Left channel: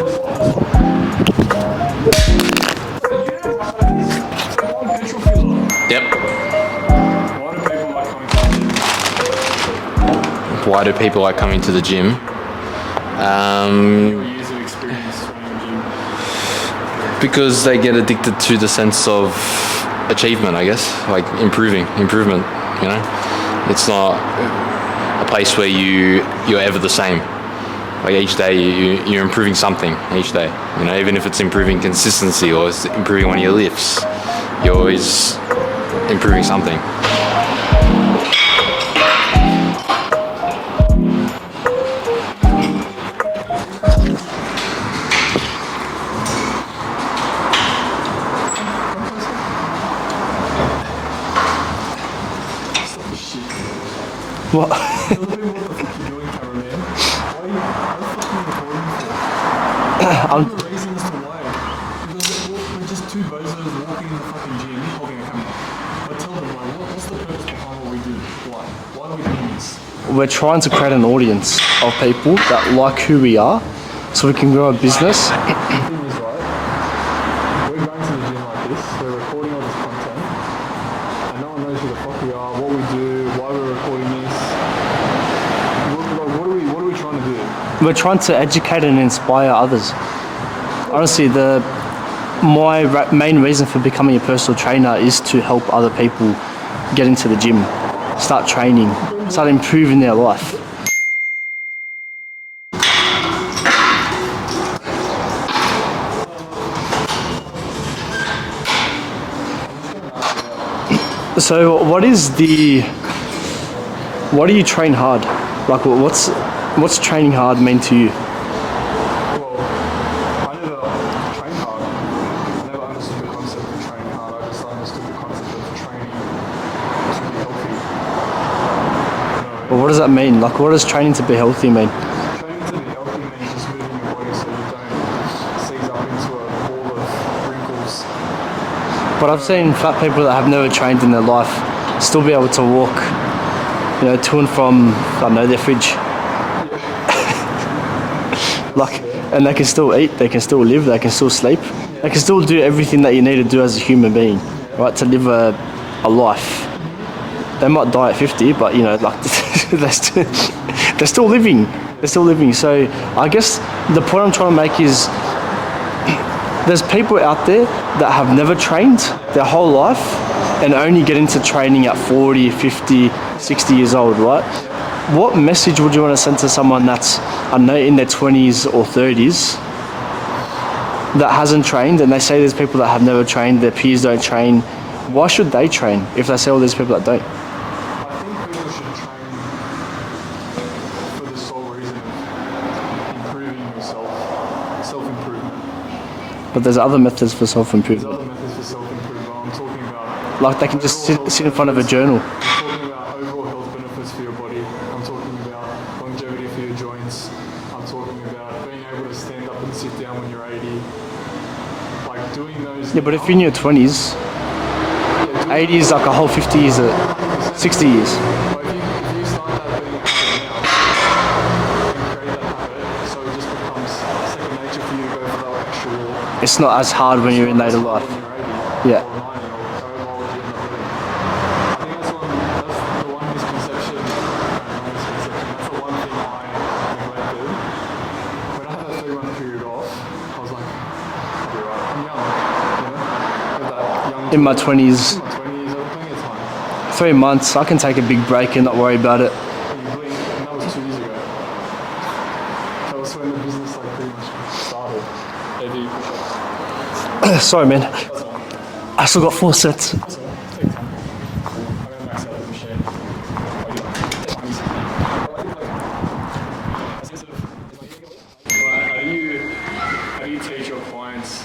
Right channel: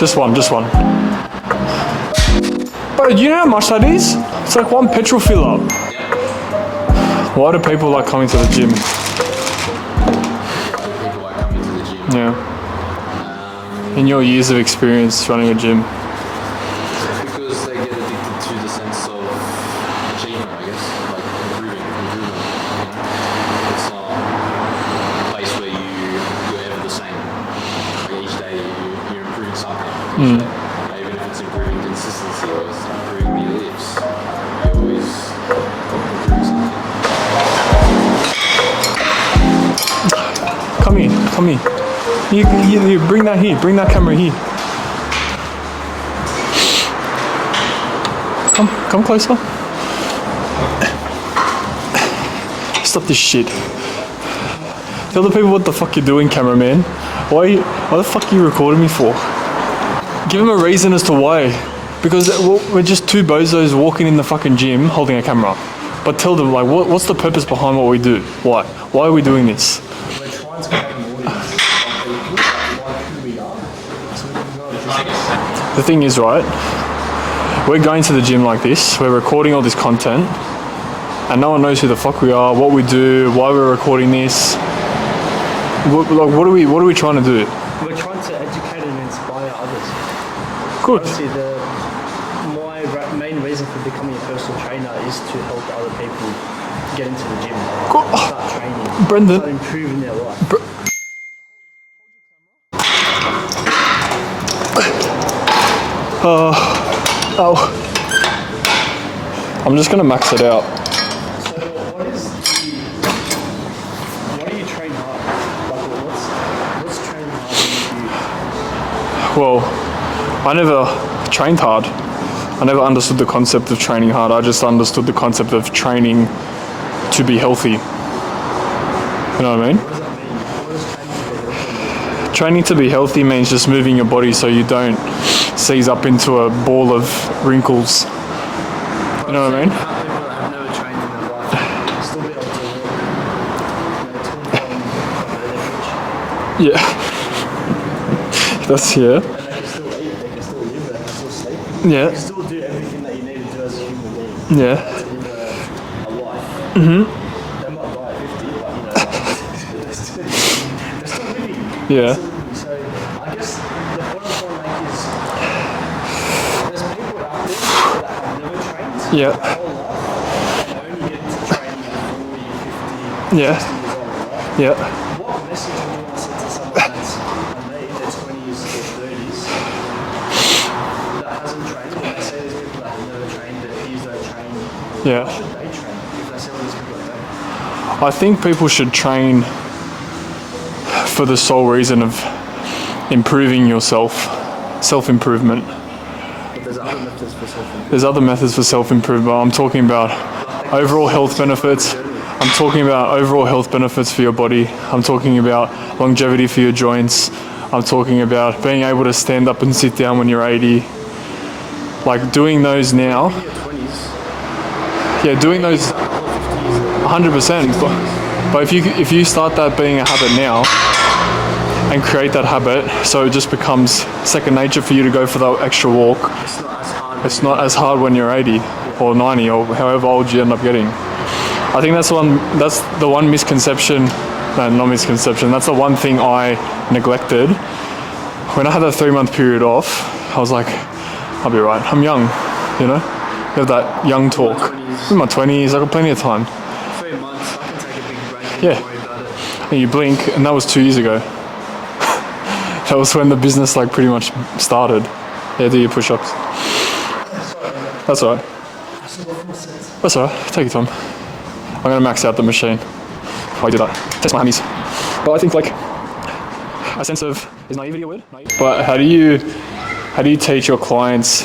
Just one. Bro, do you know how much that is? It's like one petrol filler. Yep. Why do people like coming to the gym? Why do people like coming to the gym? Yeah. In your years of experience running a gym. Because they get addicted to the sense of achievement, I guess, like improvement, you know? It's not a place where you're ever the same. Like each day you're improving something each day, you know, even if it's improving consistency or it's improving one of your lifts, you're always improving something. Come here. You bring that here, bring that camera here. Come closer. Stop this shit. What? Tell the people what the fuck you're doing, cameraman. Why the fuck are you recording me for? Give them a reason as to why. Because we're just two bozos walking in the fucking gym holding a camera. But tell them, like, what's the purpose behind what we do? Why? Why are we doing this? We're trying to create an audience of people that like who we are so we can grow a business. The thing is, right, we're going to the gym like this, we're recording all this content, and no one knows who the fuck we are, what we do, why we're recording this. What are we trying to do? We're trying to educate and inspire others. Good. Honestly, my main reason for becoming a personal trainer is to help other people get into the gym, start training, Brendan. start improving their life. I'm just gonna max it out. So what do you train hard? Like what's training hard mean to you? Well, I never trained hard. I never understood the concept of training hard. I just understood the concept of training to be healthy. You know what I mean? What does that mean? Like, what does training to be healthy mean? Training to be healthy means just moving your body so you don't seize up into a ball of wrinkles. But I've seen fat people that have never trained in their life still be able to walk, to and from, I don't know, their fridge. Yeah. And they can still eat, they can still live, they can still sleep. Yeah. They can still do everything that you need to do as a human being. Yeah. Right, to live a life. Mm-hmm. They might die at 50, but they're still living. Yeah. They're still living. So I guess the point I'm trying to make is there's people out there that have never trained their whole life and only get into training at 40, 50, 60 years old, right? Yeah. What message would you want to send to someone that's, I don't know, in their 20s or 30s that hasn't trained, and they say there's people that have never trained, their peers don't train. Yeah. Why should they train if they say all these people that don't? I think people should train for the sole reason of improving yourself, self-improvement. But there's other methods for self-improvement. There's other methods for self-improvement. I'm talking about they can overall health in front of benefits. a journal. I'm talking about overall health benefits for your body. I'm talking about longevity for your joints. I'm talking about being able to stand up and sit down when you're 80. Like doing those now. But if in your 20s, doing 80 those is like a whole 50 years. 100%. 60 years. But if you start that being a habit now and create that habit, so it just becomes second nature for you to go for that extra walk. It's not as hard when It's you're not as hard when you're 80 or 90 or however old you end up getting. I think that's the one misconception. No, not misconception. That's the one thing I neglected. When I had that 3-month period off, I was like, I'll be right. I'm young, You have that young talk. In my 20s. In my 20s, I got plenty of time. 3 months, I can take a big break and not worry about it. And you blink, and that was 2 years ago. That was when the business pretty much started. Yeah, do your push-ups. Sorry, man. That's all right. I still got 4 sets. That's all right. Take your time. I'm gonna max out the machine. Why do that? Test my hammies. But I think a sense of, is naivety a word? But how do you teach your clients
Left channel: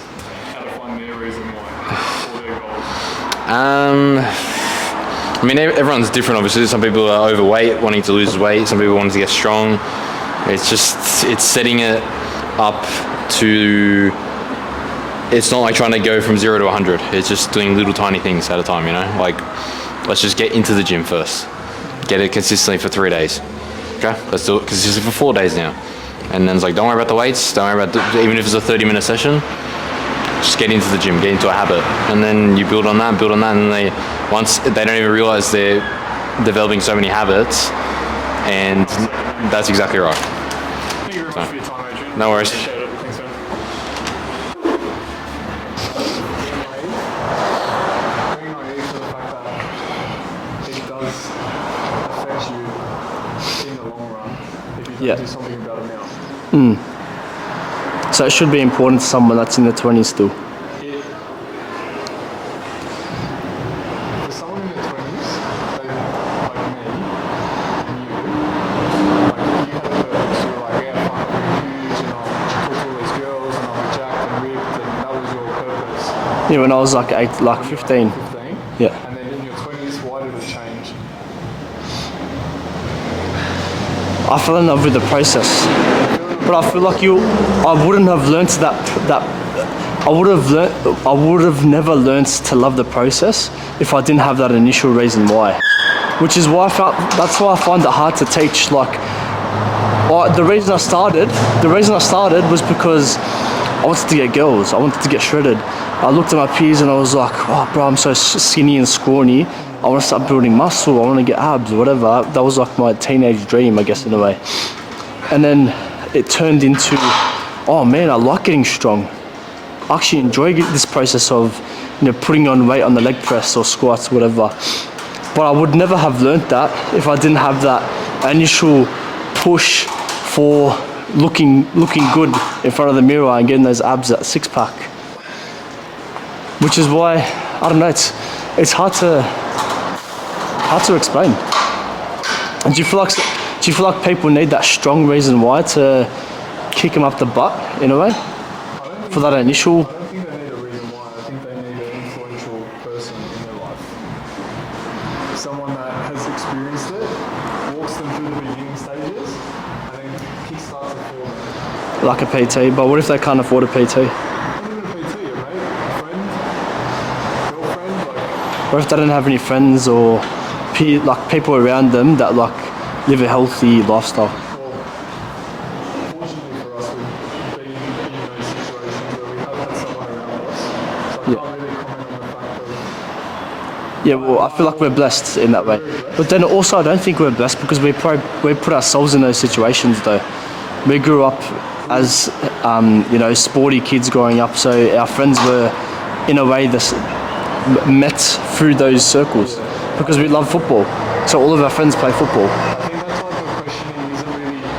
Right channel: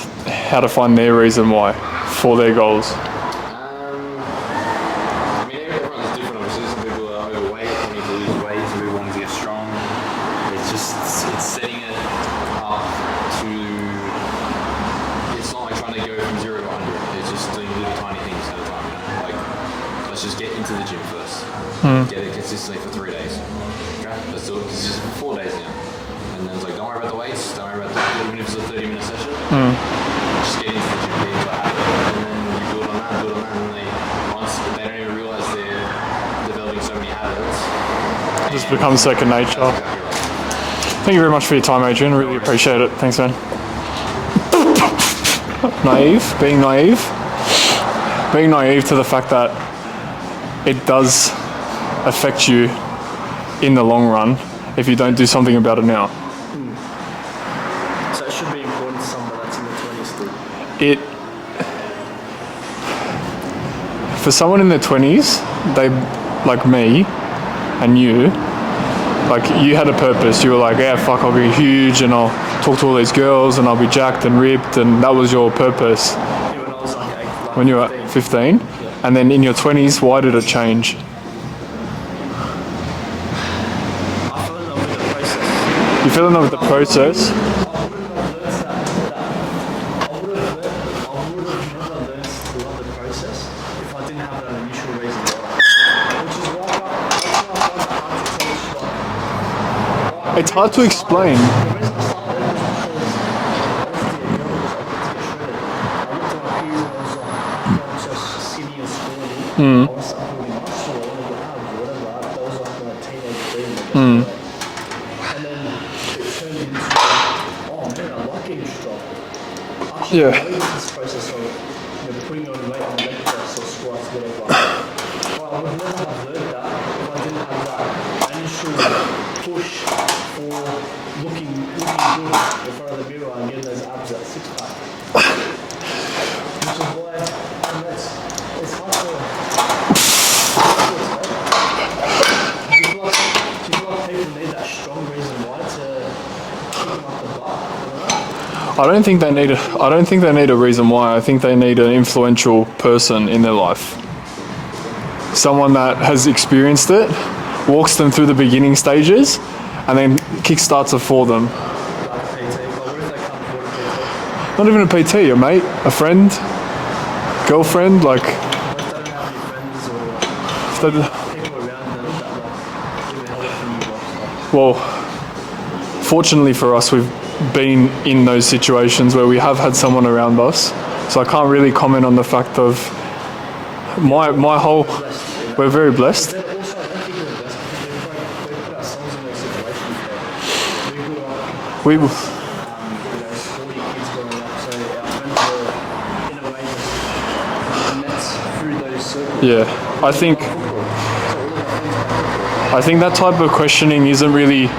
how to find their reason why for their goals? Everyone's different, obviously. Some people are overweight, wanting to lose weight. Some people wanting to get strong. It's setting it up to, it's not like trying to go from 0 to 100. It's just doing little tiny things at a time, let's just get into the gym first. Get it consistently for 3 days. Okay, let's do it consistently for 4 days now. And then it's like, don't worry about the weights, don't worry about even if it's a 30-minute session, just get into the gym, get into a habit. And then you build on that, and then once they don't even realize they're developing so many habits. And it becomes second nature. That's exactly right. Thank you very much for your time, Adrian. I really appreciate it. Thanks, man. Being naive to the fact that it does affect you in the long run if you don't do something about it now. So it should be important to someone that's in their 20s still. For someone in their 20s, they, like me and you, like you had a purpose. You were like, yeah, fuck, I'll be huge and I'll talk to all these girls and I'll be jacked and ripped, and that was your purpose. Yeah, when I was like 15. When you were 15? Yeah. And then in your 20s, why did it change? I fell in love with the process. You fell in love with the process? I feel like I wouldn't have learnt I would have never learnt to love the process if I didn't have that initial reason why. Which is why that's why I find it hard to teach. Like, the reason I started was because I wanted to get girls. I wanted to get shredded. I looked at my peers and I was like, oh, bro, I'm so skinny and scrawny. I want to start building muscle. I want to get abs, whatever. That was like my teenage dream, I guess, in a way. And then it turned into, oh man, I like getting strong. I actually enjoy this process of, putting on weight on the leg press or squats, whatever. But I would never have learnt that if I didn't have that initial push for looking good in front of the mirror and getting those abs, that six pack. Which is why, I don't know, it's hard to explain. And do you feel like people need that strong reason why to kick them up the butt in a way? I don't think they need a reason why. I think they need an influential person in their life. Someone that has experienced it, walks them through the beginning stages, and then kickstarts it for them. Like a PT, but what if they can't afford a PT? Not even a PT, a mate, a friend, girlfriend, like... What if they don't have any friends or people around them that live a healthy lifestyle? Well, fortunately for us, we've been in those situations where we have had someone around us, so I can't really comment on the fact of I feel like we're blessed in that way. We're very blessed. But then also I don't think we're blessed because we put ourselves in those situations though. We grew up as sporty kids growing up, so our friends were in a way met through those circles. Yeah. Because we love football. So all of our friends play football. I think that type of questioning isn't really...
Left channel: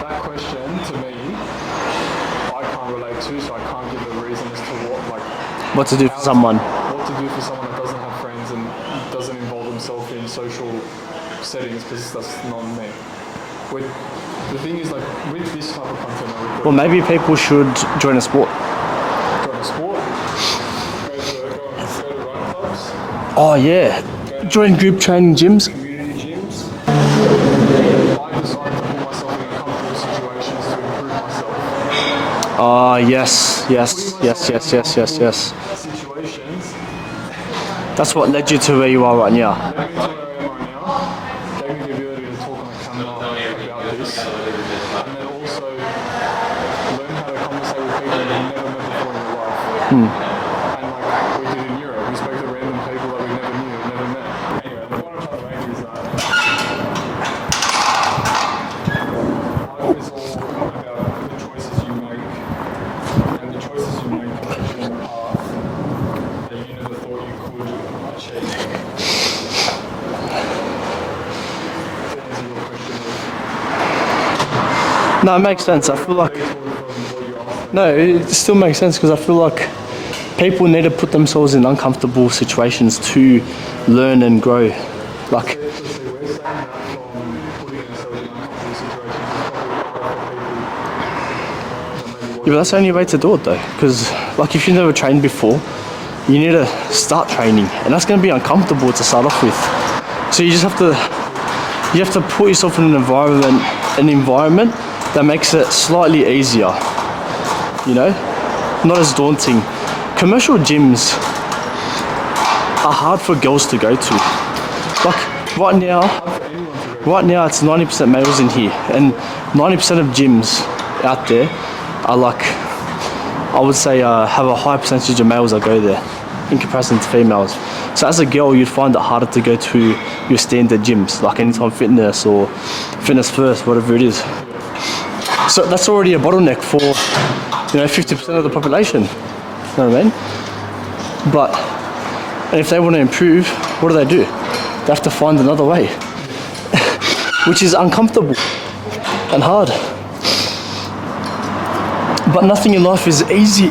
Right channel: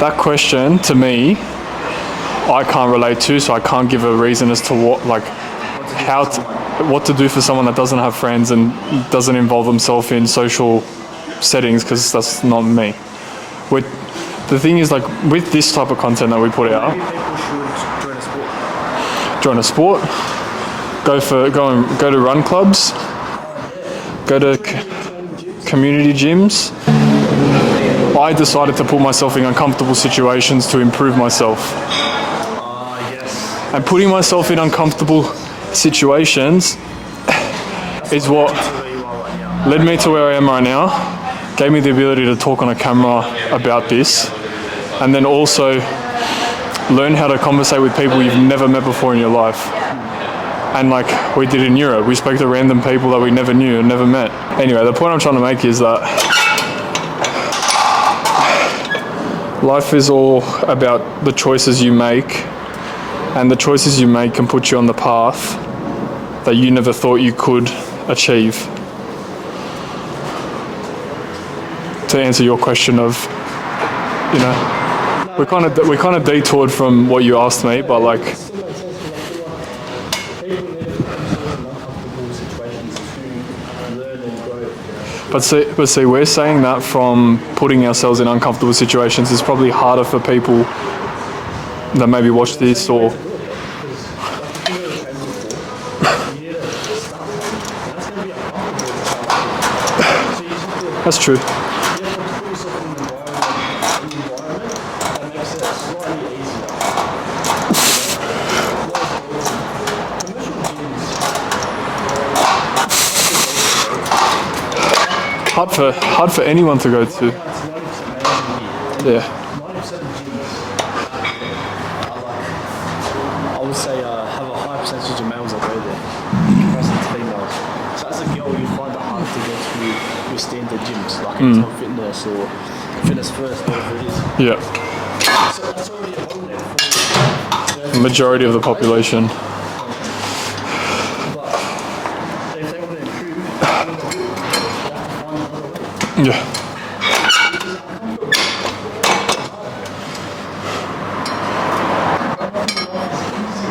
That question, to me, I can't relate to, so I can't give a reason as to what to do for someone. What to do for someone that doesn't have friends and doesn't involve themselves in social settings, because that's not me. The thing is, like, with this type of content that we put out... maybe people should join a sport. Join a sport. Go to run clubs. Oh, yeah. Join group training gyms. Community gyms. I decided to put myself in uncomfortable situations to improve myself. Yes. And putting myself in uncomfortable situations. That's what led you to where you are right now. Led me to where I am right now. Gave me the ability to talk on a camera about this. And then also learn how to conversate with people you've never met before in your life. And like we did in Europe, we spoke to random people that we never knew and never met. Anyway, the point I'm trying to make is that life is all about the choices you make, and the choices you make can put you on the path that you never thought you could achieve. To answer your question of, no, it makes sense. We kind of detoured from what you asked me, but it still makes sense because I feel like people need to put themselves in uncomfortable situations to learn and grow. But see, we're saying that from putting ourselves in uncomfortable situations is probably harder for people that maybe watch this. That's the only way to do it though, because like if you've never trained before, you need to start training, and that's going to be uncomfortable to start off with. So you just have to. That's true. You have to put yourself in an environment that makes it slightly easier. Not as daunting. Commercial gyms are hard for girls to go to. Like, Hard for anyone to go to. Right now, it's 90% males in here, and 90% of gyms out there are like, I would say, have a high percentage of males that go there in comparison to females. So as a girl, you'd find it harder to go to your standard gyms, like Anytime Fitness or Fitness First, whatever it is. Yeah. So that's already a bottleneck for 50% Majority of the population. You know what I mean? But and if they want to improve, what do? They have to find another way. Yeah. Which is uncomfortable and hard. But nothing in life is easy.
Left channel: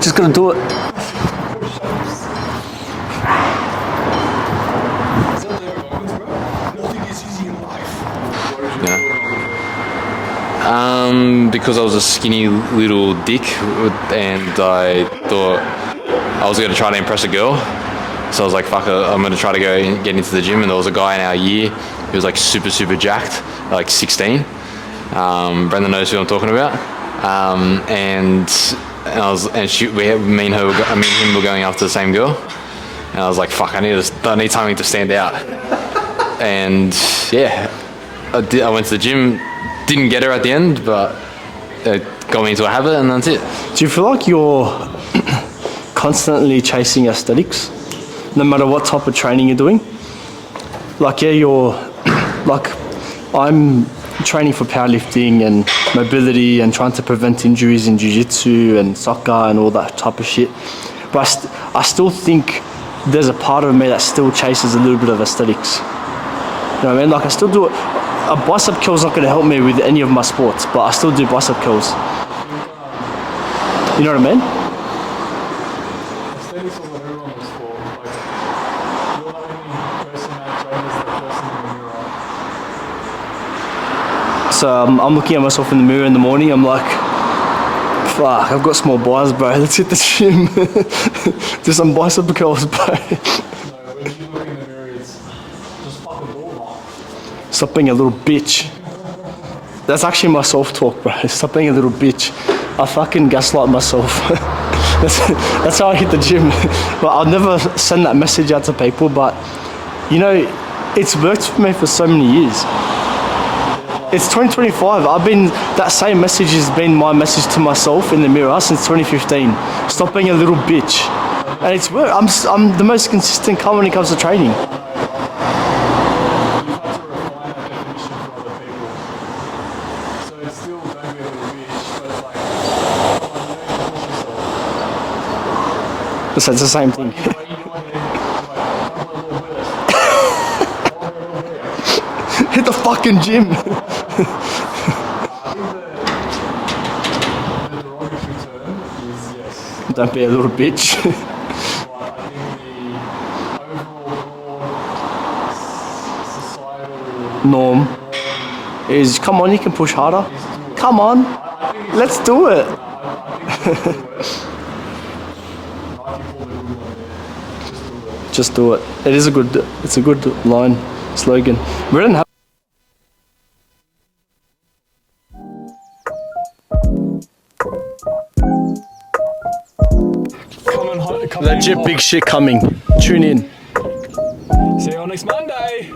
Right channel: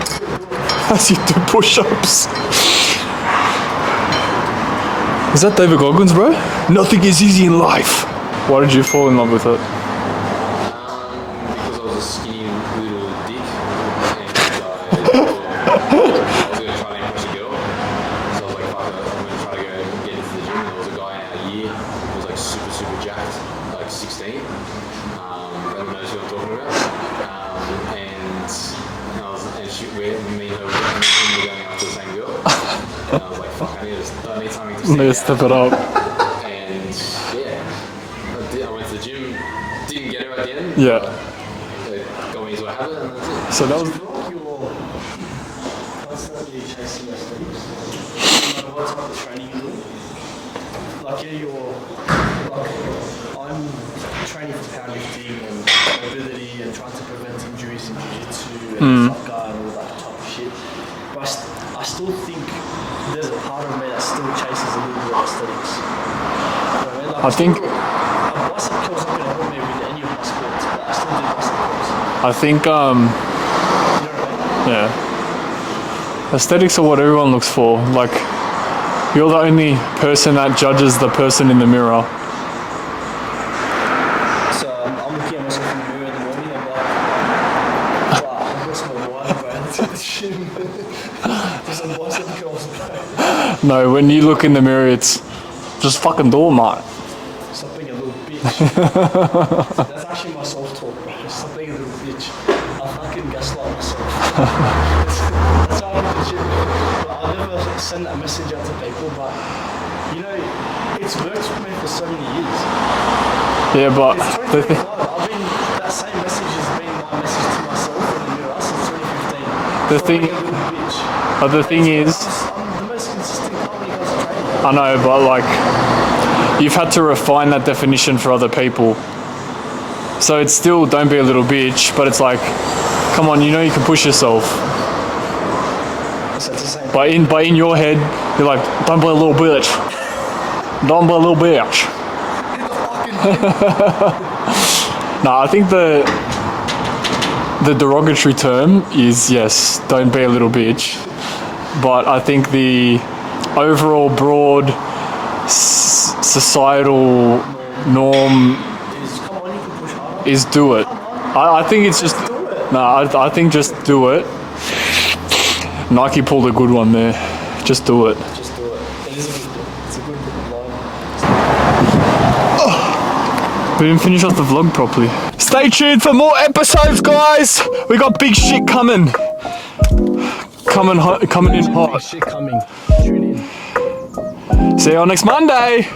Just gotta do it. As you do push-ups. Is that David Goggins, bro? Nothing is easy in life. Why did you fall in love with it? Because I was a skinny little dick and I thought I was going to try to impress a girl. So I was like, fuck it, I'm going to try to go and get into the gym. And there was a guy in our year, he was like super, super jacked, like 16. Brendan knows who I'm talking about. Me and him were going after the same girl. And I was like, fuck, I need something to stand out. Step it up. And yeah, I went to the gym. Didn't get her at the end, but it got me into a habit, and that's it. So do you feel like you're constantly chasing aesthetics, no matter what type of training you're doing? Like, I'm training for powerlifting and mobility and trying to prevent injuries in jiu-jitsu and soccer and all that type of shit. But I still think there's a part of me that still chases a little bit of aesthetics. You know what I mean? Like, I still do it. A bicep curl's not going to help me with any of my sports, but I still do bicep curls. I think, you know what I mean? Yeah. Aesthetics are what everyone looks for. Like, you're the only person that judges the person in the mirror. So I'm looking at myself in the mirror in the morning, I'm like, fuck, I've got small biceps, bro. Let's hit the gym. Do some bicep curls, bro. No, when you look in the mirror, it's just fucking do it, mate. Stop being a little bitch. That's actually my self-talk, bro. Stop being a little bitch. I fucking gaslight myself. that's how I hit the gym. But I'll never send that message out to people, but it's worked for me for so many years. Yeah, but it's 2025. That same message has been my message to myself in the mirror since 2015. Stop being a little bitch. But the thing is, I'm the most consistent cunt when it comes to training. I know, but like, you've had to refine that definition for other people. So it's still don't be a little bitch, but it's like, come on, you can push yourself. So it's the same thing. But in your head, you're like, don't be a little bitch. Don't be a little bitch. Hit the fucking gym. Nah, I think the derogatory term is, yes, don't be a little bitch. But I think the overall broad societal norm is, come on, you can push harder. Is do it. Come on. I think it's Let's do it. I think just do it. Nike pulled a good one there. Just do it. Just do it. It's a good line. Slogan. You've written that. We didn't finish off the vlog properly. Stay tuned for more episodes, guys. We got big shit coming. Coming. Legit big shit coming. Tune in. See you on next Monday.